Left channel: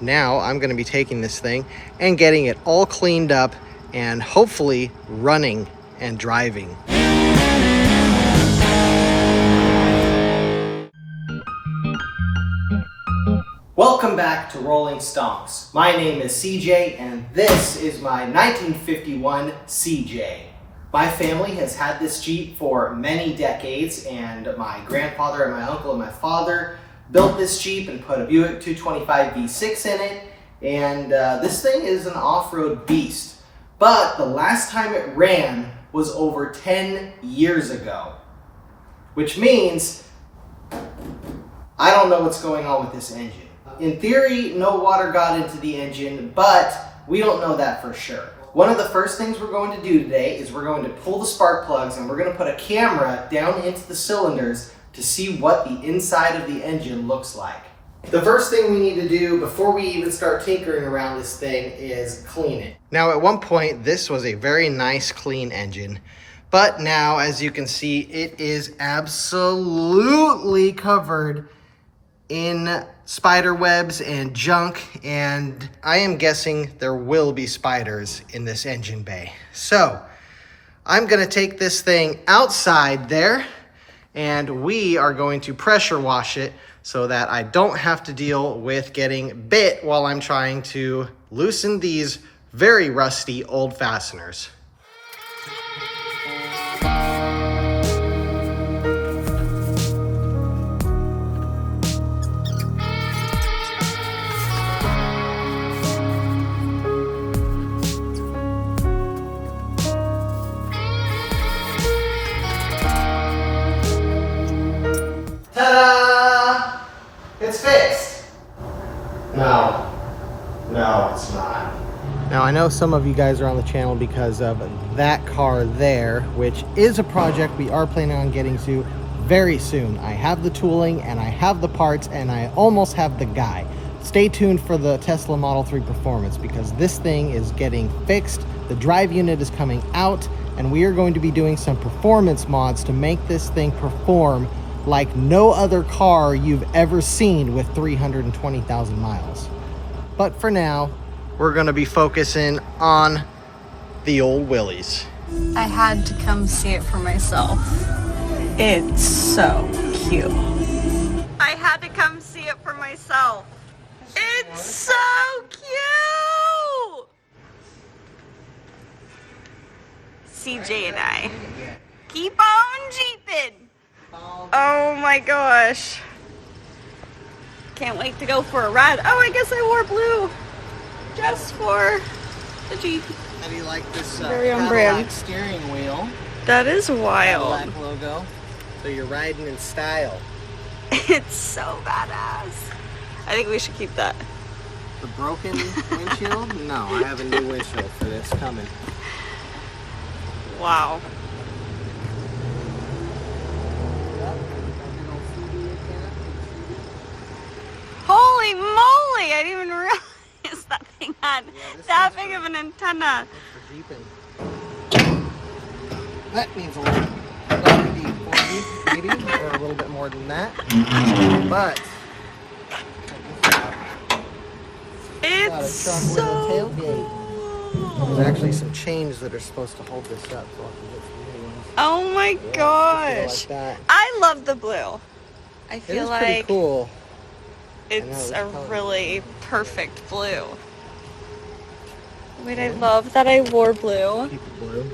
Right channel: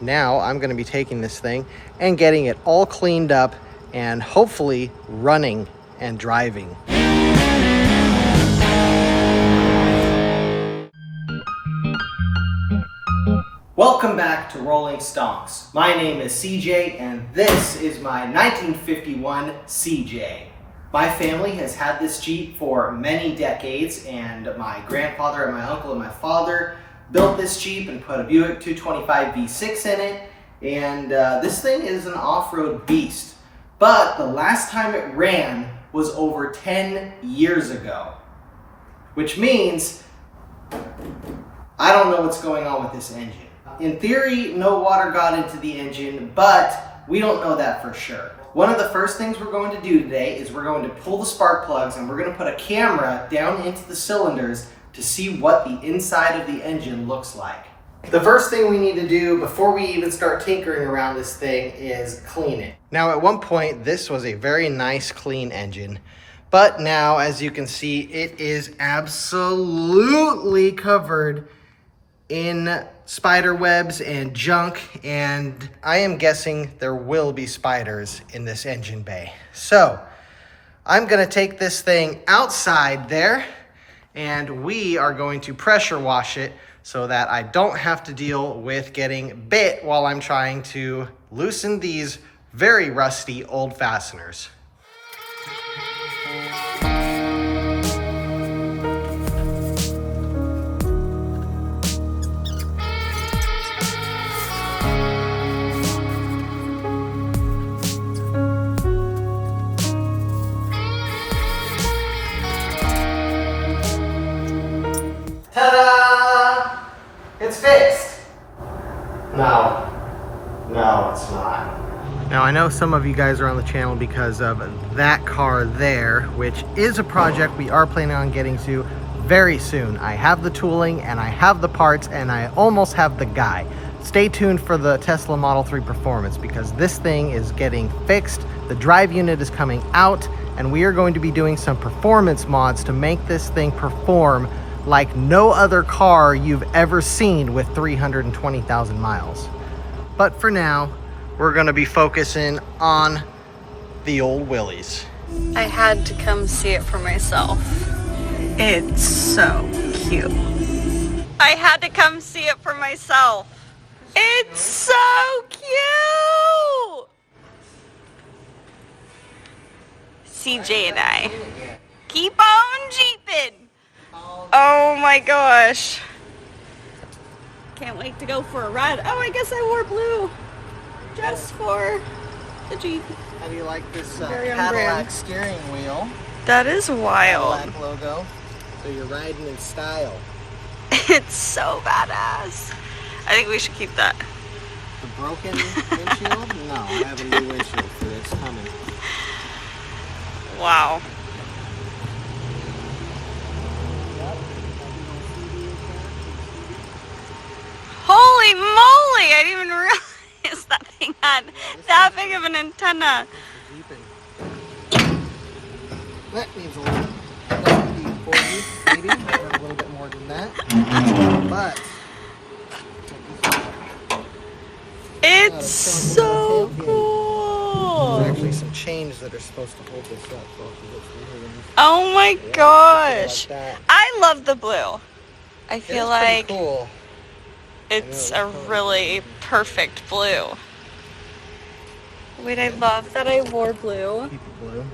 Now I'm going to be taking this thing and getting it all cleaned up and hopefully running and driving. Welcome back to Rolling Stonks. My name is CJ and this is my 1951 CJ. My family has had this Jeep for many decades, and my grandfather and my uncle and my father built this Jeep and put a Buick 225 V6 in it, and this thing is an off-road beast. But the last time it ran was over 10 years ago, which means I don't know what's going on with this engine. In theory, no water got into the engine, but we don't know that for sure. One of the first things we're going to do today is we're going to pull the spark plugs and we're going to put a camera down into the cylinders to see what the inside of the engine looks like. The first thing we need to do before we even start tinkering around this thing is clean it. Now, at one point, this was a very nice, clean engine, but now, as you can see, it is absolutely covered in spider webs and junk, and I am guessing there will be spiders in this engine bay. So I'm gonna take this thing outside there and we are going to pressure wash it so that I don't have to deal with getting bit while I'm trying to loosen these very rusty old fasteners. Ta-da! It's fixed. No, it's not. Now, I know some of you guys are on the channel because of that car there, which is a project we are planning on getting to very soon. I have the tooling and I have the parts and I almost have the guy. Stay tuned for the Tesla Model 3 Performance because this thing is getting fixed. The drive unit is coming out and we are going to be doing some performance mods to make this thing perform like no other car you've ever seen with 320,000 miles. But for now, we're gonna be focusing on the old Willys. I had to come see it for myself. It's so cute. I had to come see it for myself. It's so cute! CJ and I. Keep on jeeping! Oh my gosh. Can't wait to go for a ride. Oh, I guess I wore blue. Just for the Jeep. How do you like this Very on Cadillac brand. steering wheel? That is wild. Cadillac logo. So you're riding in style. It's so badass. I think we should keep that. The broken windshield? No, I have a new windshield for this coming. Wow. Holy moly! I didn't even realize that thing had that big of an antenna. That needs a little, maybe, or a little bit more than that. But it's so cool. There's actually some chains that are supposed to hold this up. So oh my gosh! I love the blue. I feel like cool. it's a really perfect blue. Wait, I love that I wore blue. Keep it blue.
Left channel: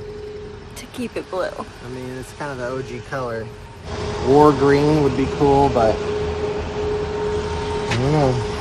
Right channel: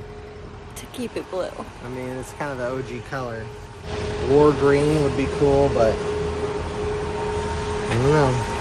To keep it blue. I mean, it's kind of the OG color. War green would be cool, but I don't know.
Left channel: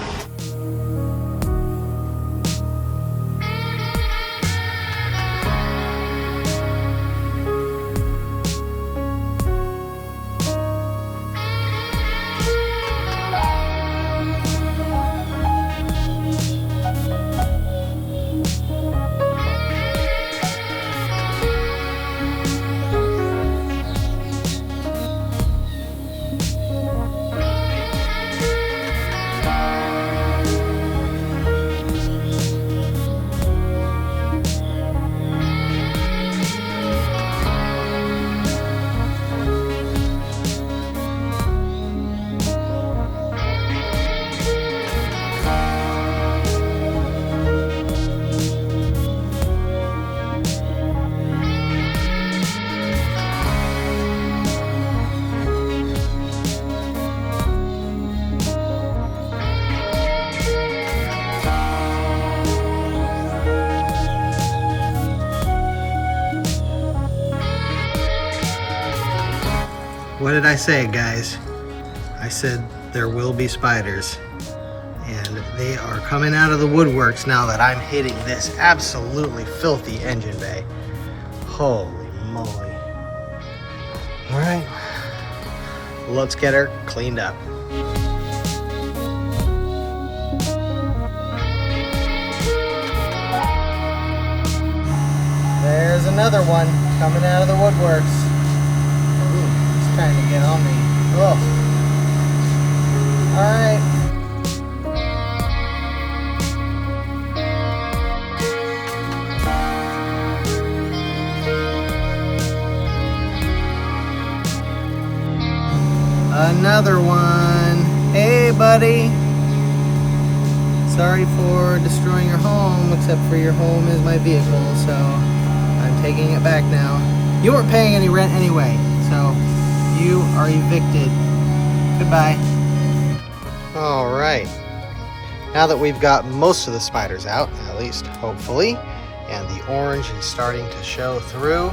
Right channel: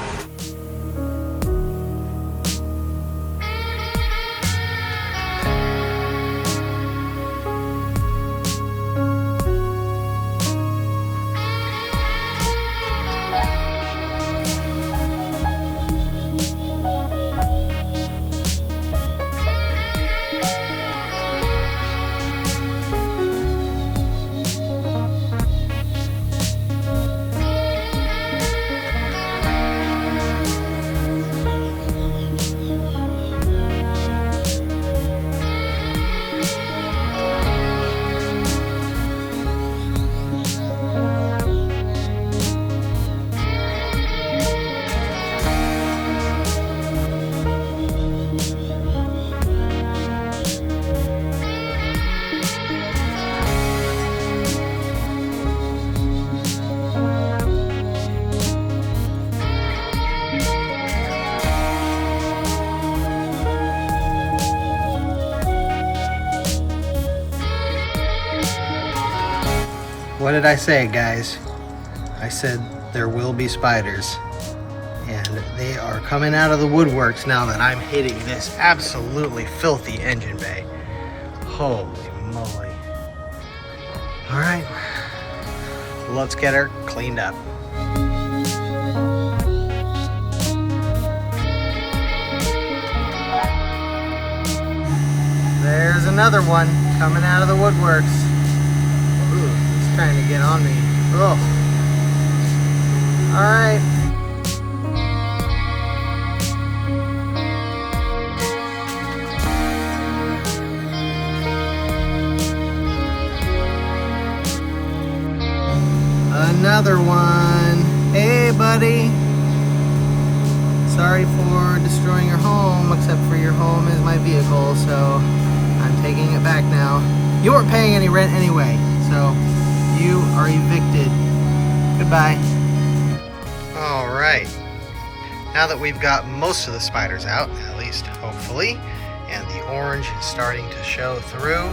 What did I say, guys? I said there will be spiders. And they are coming out of the woodworks now that I'm hitting this absolutely filthy engine bay. Holy moly. All right, let's get her cleaned up. There's another one coming out of the woodworks. Ooh, it's trying to get on me. Ugh. All right. Another one. Hey, buddy. Sorry for destroying your home, except for your home is my vehicle, so I'm taking it back now. You weren't paying any rent anyway, so you are evicted. Goodbye. All right. Now that we've got most of the spiders out, at least hopefully, and the orange is starting to show through,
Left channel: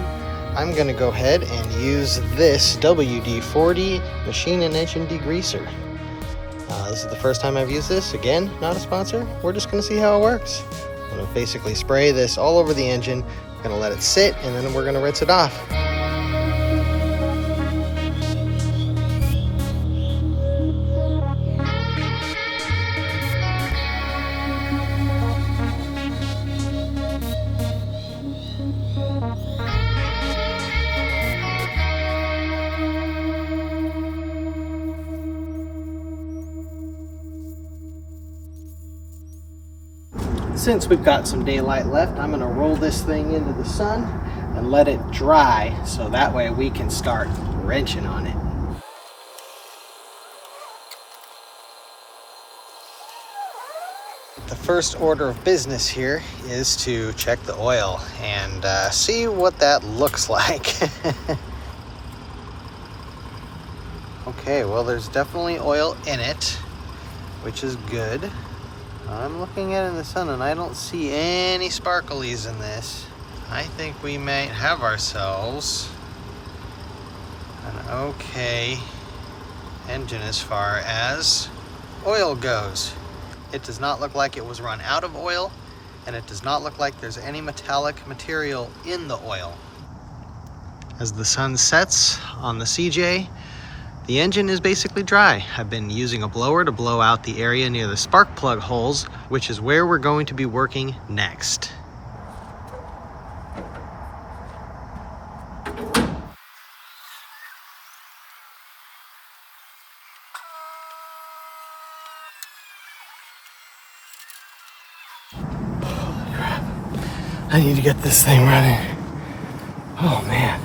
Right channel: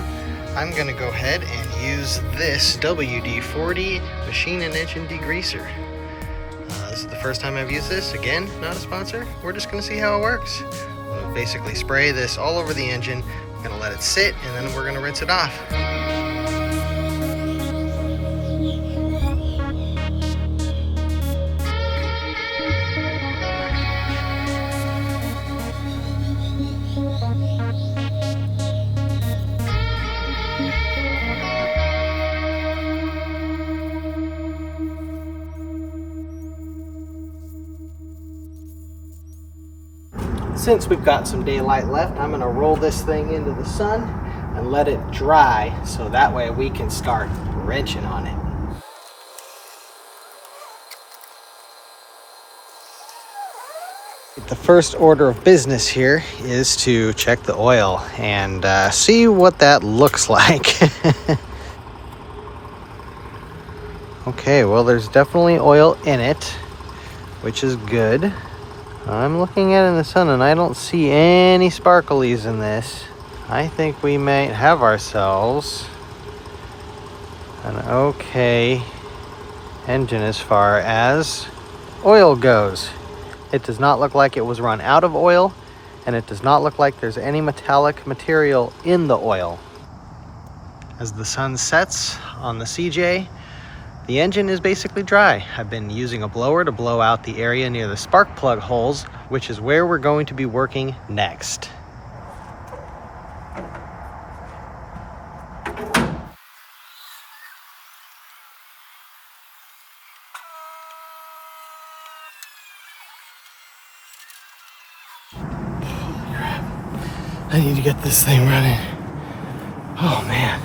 I'm gonna go ahead and use this WD-40 machine and engine degreaser. This is the first time I've used this. Again, not a sponsor. We're just gonna see how it works. I'm gonna basically spray this all over the engine. I'm gonna let it sit, and then we're gonna rinse it off. Since we've got some daylight left, I'm gonna roll this thing into the sun and let it dry so that way we can start wrenching on it. The first order of business here is to check the oil and see what that looks like. Okay, well, there's definitely oil in it, which is good. I'm looking at it in the sun and I don't see any sparklies in this. I think we might have ourselves an okay engine as far as oil goes. It does not look like it was run out of oil, and it does not look like there's any metallic material in the oil. As the sun sets on the CJ, the engine is basically dry. I've been using a blower to blow out the area near the spark plug holes, which is where we're going to be working next. I need to get this thing running. Oh man.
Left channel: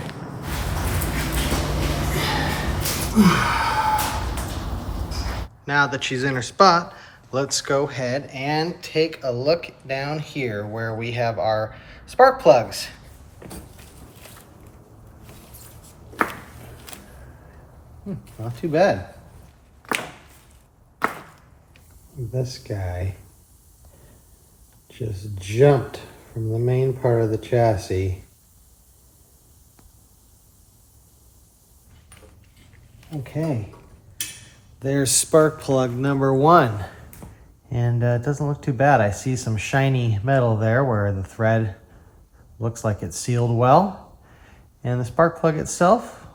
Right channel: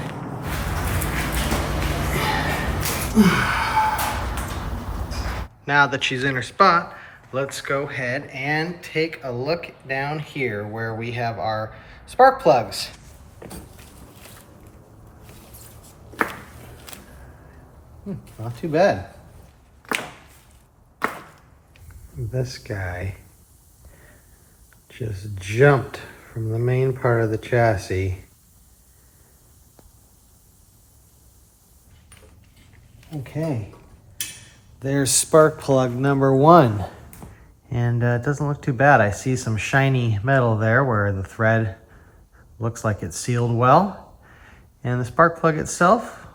Now that she's in her spot, let's go ahead and take a look down here where we have our spark plugs. Not too bad. This guy just jumped from the main part of the chassis. Okay, there's spark plug number one. And it doesn't look too bad. I see some shiny metal there where the thread looks like it's sealed well. And the spark plug itself,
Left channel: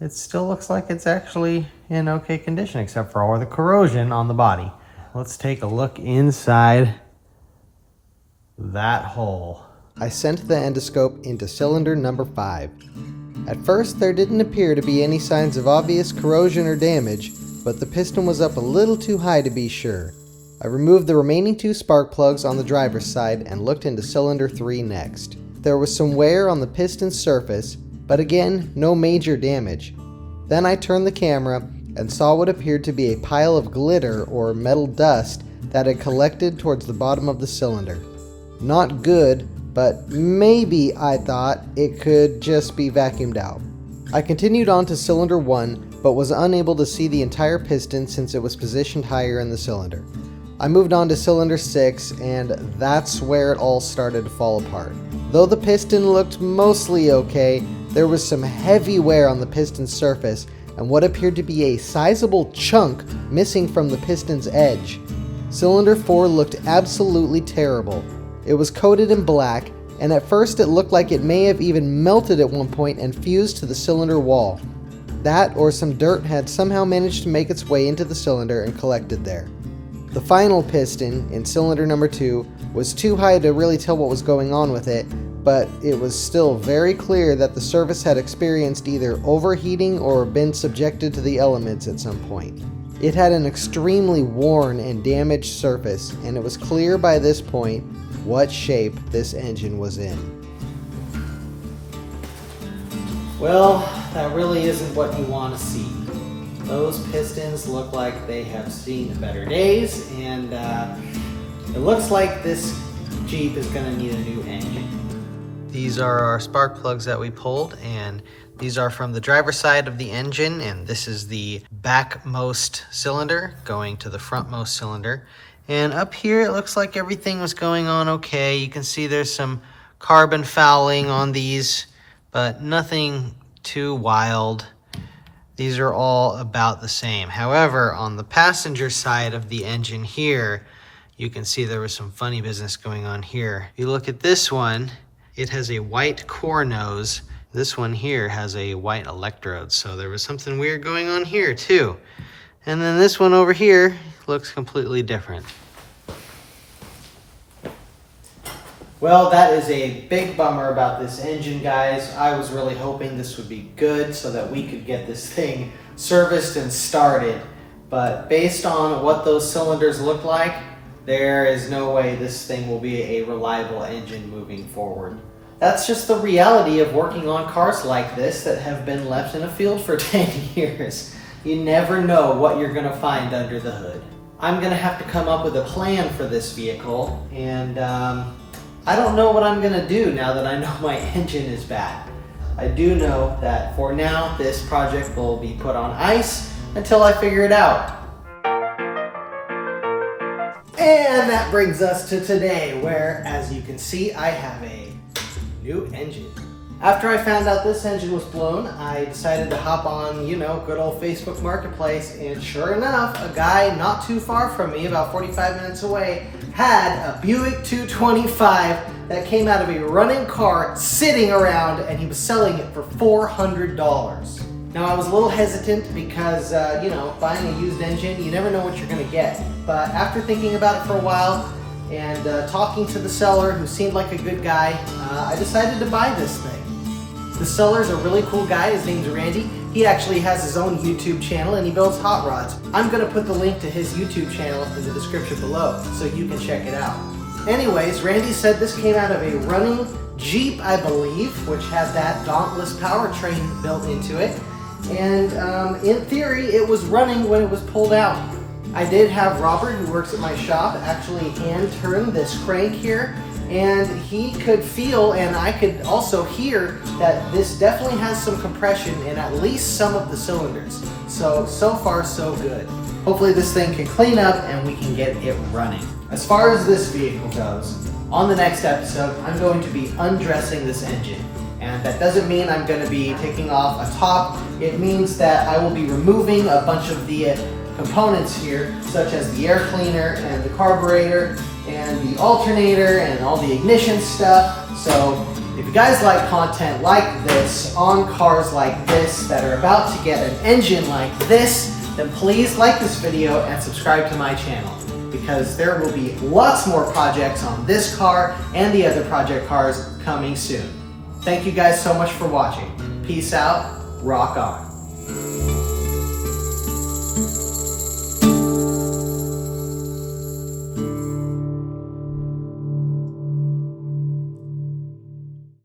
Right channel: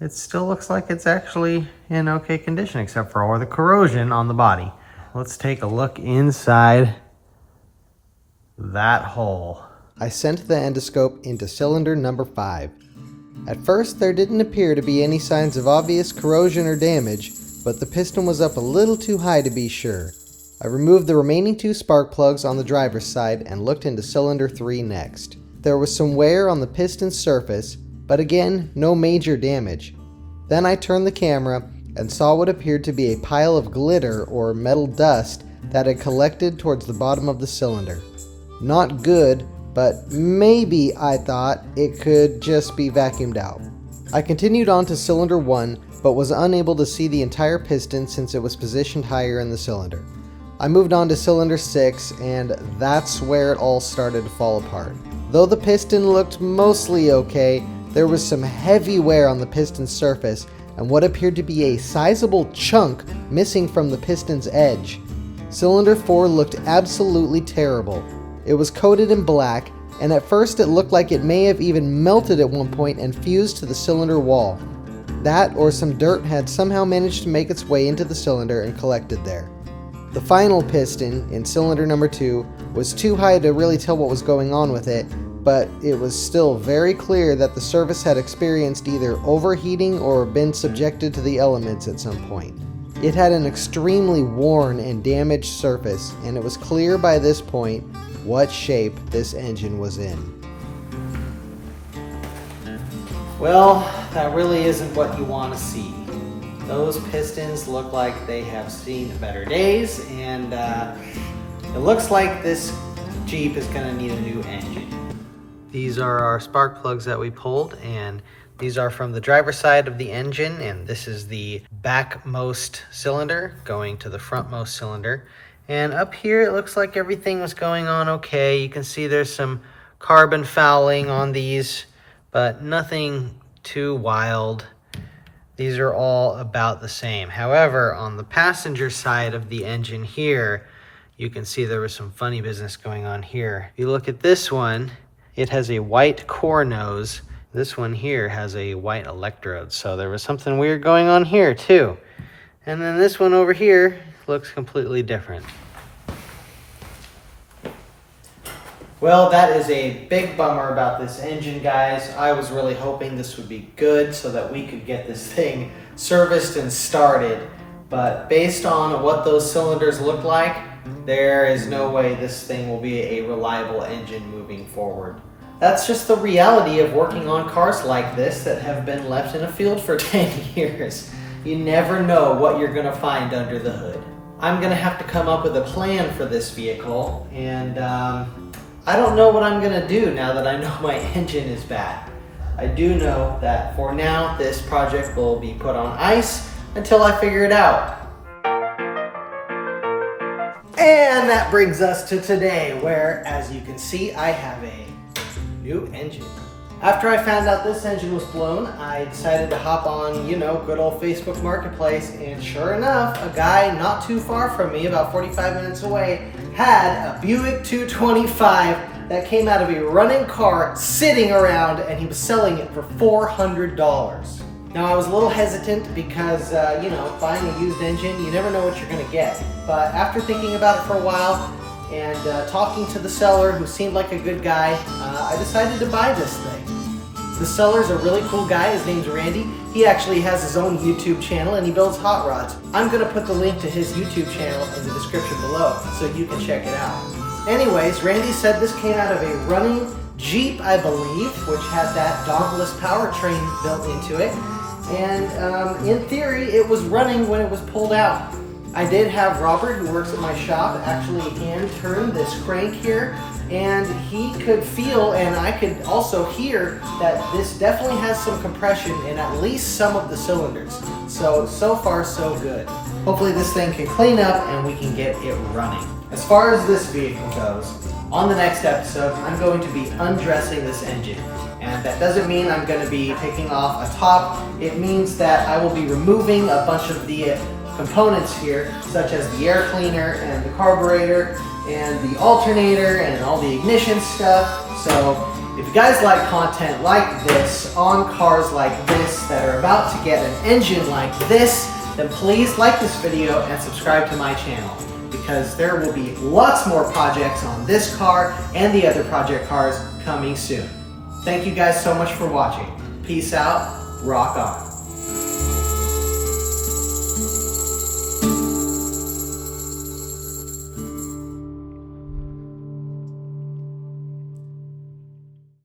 it still looks like it's actually in okay condition except for all the corrosion on the body. Let's take a look inside that hole. I sent the endoscope into cylinder number 5. At first, there didn't appear to be any signs of obvious corrosion or damage, but the piston was up a little too high to be sure. I removed the remaining 2 spark plugs on the driver's side and looked into cylinder 3 next. There was some wear on the piston surface, but again, no major damage. Then I turned the camera and saw what appeared to be a pile of glitter or metal dust that had collected towards the bottom of the cylinder. Not good, but maybe, I thought, it could just be vacuumed out. I continued on to cylinder 1, but was unable to see the entire piston since it was positioned higher in the cylinder. I moved on to cylinder 6, and that's where it all started to fall apart. Though the piston looked mostly okay, there was some heavy wear on the piston surface and what appeared to be a sizable chunk missing from the piston's edge. Cylinder 4 looked absolutely terrible. It was coated in black, and at first it looked like it may have even melted at one point and fused to the cylinder wall. That or some dirt had somehow managed to make its way into the cylinder and collected there. The final piston, in cylinder number 2, was too high to really tell what was going on with it, but it was still very clear that the surface had experienced either overheating or been subjected to the elements at some point. It had an extremely worn and damaged surface, and it was clear by this point what shape this engine was in. Well, that really isn't what you want to see. Those pistons look like they have seen better days, and it looks like this Jeep is going to need a new engine. These are our spark plugs that we pulled, and these are from the driver's side of the engine, and this is the backmost cylinder going to the frontmost cylinder. And up here it looks like everything was going on okay. You can see there's some carbon fouling on these, but nothing too wild. These are all about the same. However, on the passenger side of the engine here, you can see there was some funny business going on here. If you look at this one, it has a white core nose. This one here has a white electrode, so there was something weird going on here too. And then this one over here looks completely different. Well, that is a big bummer about this engine, guys. I was really hoping this would be good so that we could get this thing serviced and started. But based on what those cylinders look like, there is no way this thing will be a reliable engine moving forward. That's just the reality of working on cars like this that have been left in a field for 10 years. You never know what you're gonna find under the hood. I'm gonna have to come up with a plan for this vehicle, and I don't know what I'm gonna do now that I know my engine is bad. I do know that for now, this project will be put on ice until I figure it out. And that brings us to today, where, as you can see, I have a new engine. After I found out this engine was blown, I decided to hop on, good old Facebook Marketplace, and sure enough, a guy not too far from me, about 45 minutes away, had a Buick 225 that came out of a running car sitting around, and he was selling it for $400. Now, I was a little hesitant because, buying a used engine, you never know what you're gonna get. But after thinking about it for a while, and talking to the seller, who seemed like a good guy, I decided to buy this thing. The seller's a really cool guy. His name's Randy. He actually has his own YouTube channel, and he builds hot rods. I'm gonna put the link to his YouTube channel in the description below so you can check it out. Anyways, Randy said this came out of a running Jeep, I believe, which had that Dauntless powertrain built into it. And in theory, it was running when it was pulled out. I did have Robert, who works at my shop, actually hand turn this crank here, and he could feel, and I could also hear, that this definitely has some compression in at least some of the cylinders. So far so good. Hopefully this thing can clean up and we can get it running. As far as this vehicle goes, on the next episode, I'm going to be undressing this engine. And that doesn't mean I'm going to be taking off a top. It means that I will be removing a bunch of the components here, such as the air cleaner and the carburetor and the alternator and all the ignition stuff. So if you guys like content like this on cars like this that are about to get an engine like this, then please like this video and subscribe to my channel, because there will be lots more projects on this car and the other project cars coming soon. Thank you guys so much for watching. Peace out, rock on.